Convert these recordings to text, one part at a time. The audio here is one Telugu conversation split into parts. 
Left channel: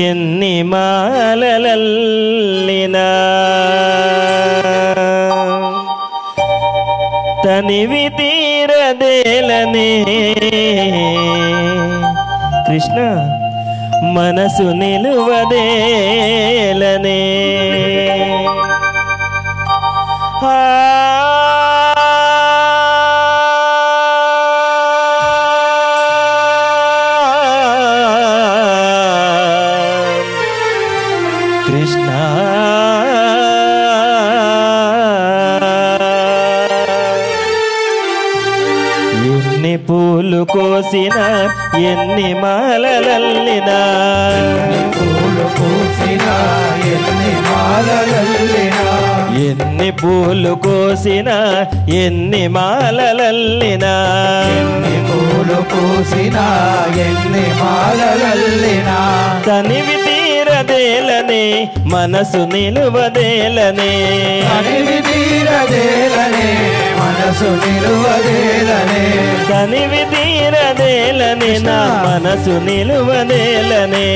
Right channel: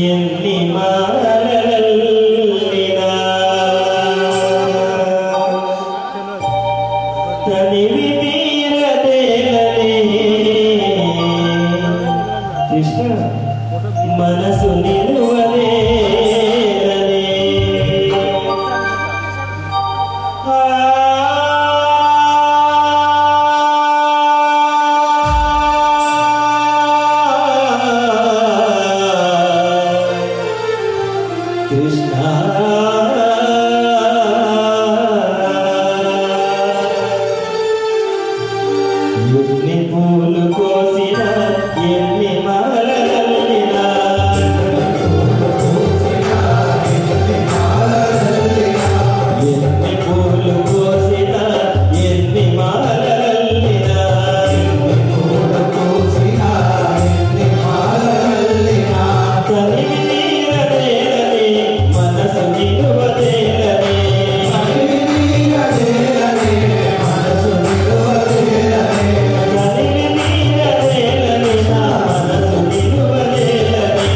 ఎన్ని మాలలల్లినా తనివి తీరదేలనే కృష్ణ మనసు నిలువదేలనే కృష్ణ ఎన్ని పూలు కోసినా ఎన్ని మాలలల్లినా ఎన్ని పూలు కోసినా ఎన్ని మాలలల్లినా తనివి తీరదేలనే మనసు నిలువదేలనే తనివి తీరదేలనే నా మనసు నిలువదేలనే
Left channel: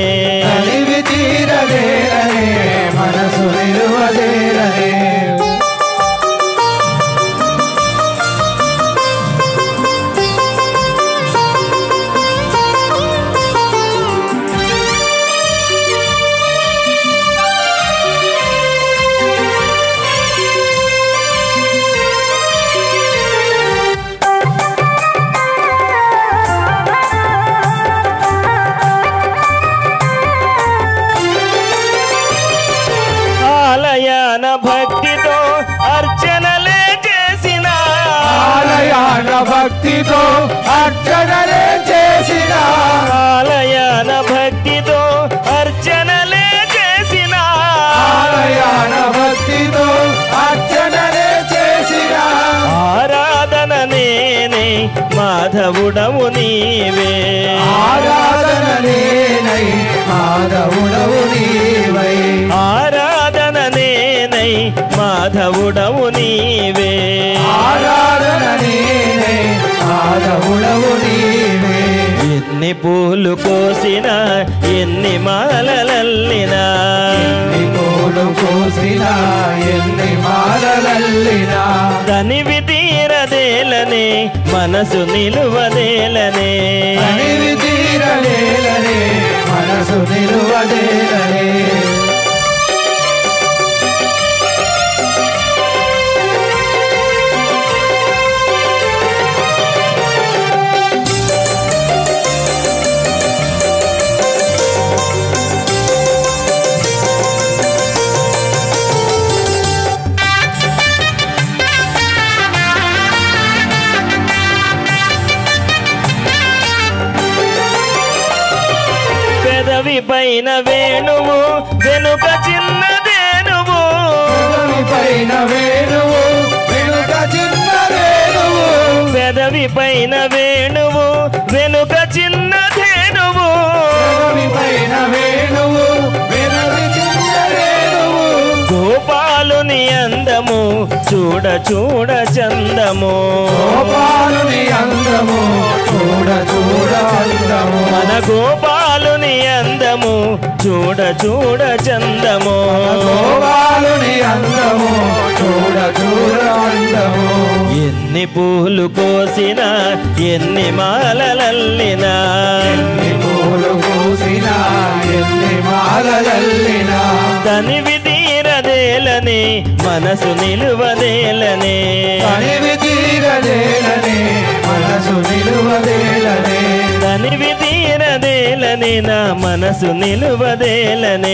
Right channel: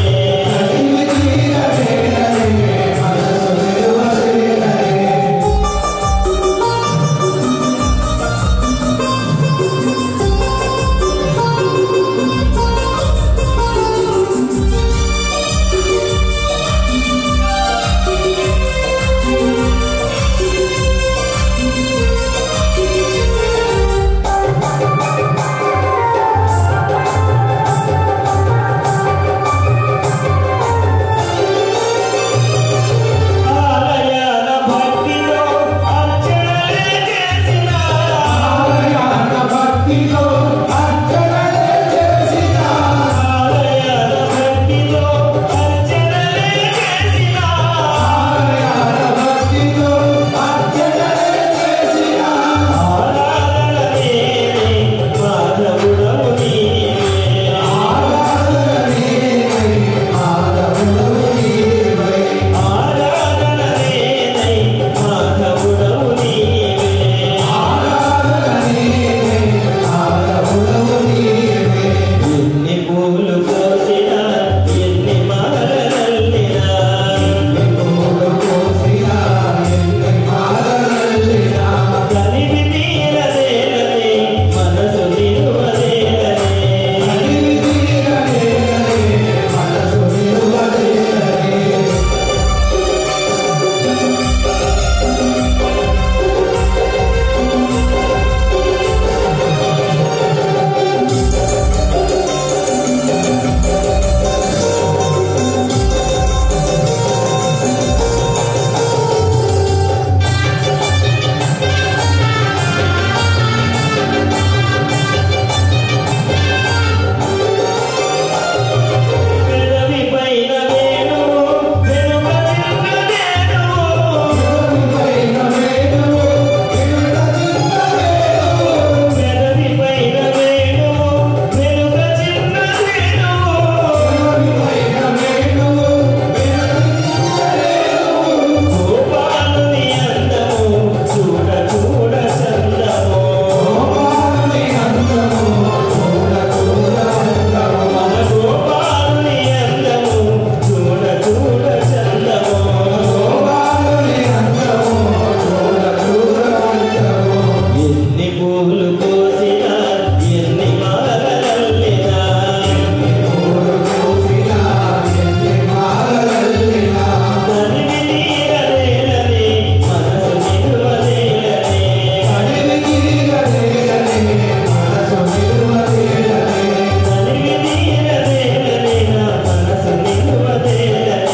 పూలు కోసినా ఎన్ని మాలలల్లినా తనివి తీరదేలనే మనసు నిలువదేలనే పైన వేణువు వెనుక చిన్నదేనువు పెదవి పైన వేణువు వెనుక చిన్నదేనువు గోపాలుని అందము చూడ చూడ చందము మన గోపాలుని అందము చూడ చూడ చందము ఎన్ని పూలు కోసినా ఎన్ని మాలలల్లినా తనివి తీరదేలనే మనసు నిలువదేలనే తనివి తీరదేలనే నా మనసు నిలువదేలనే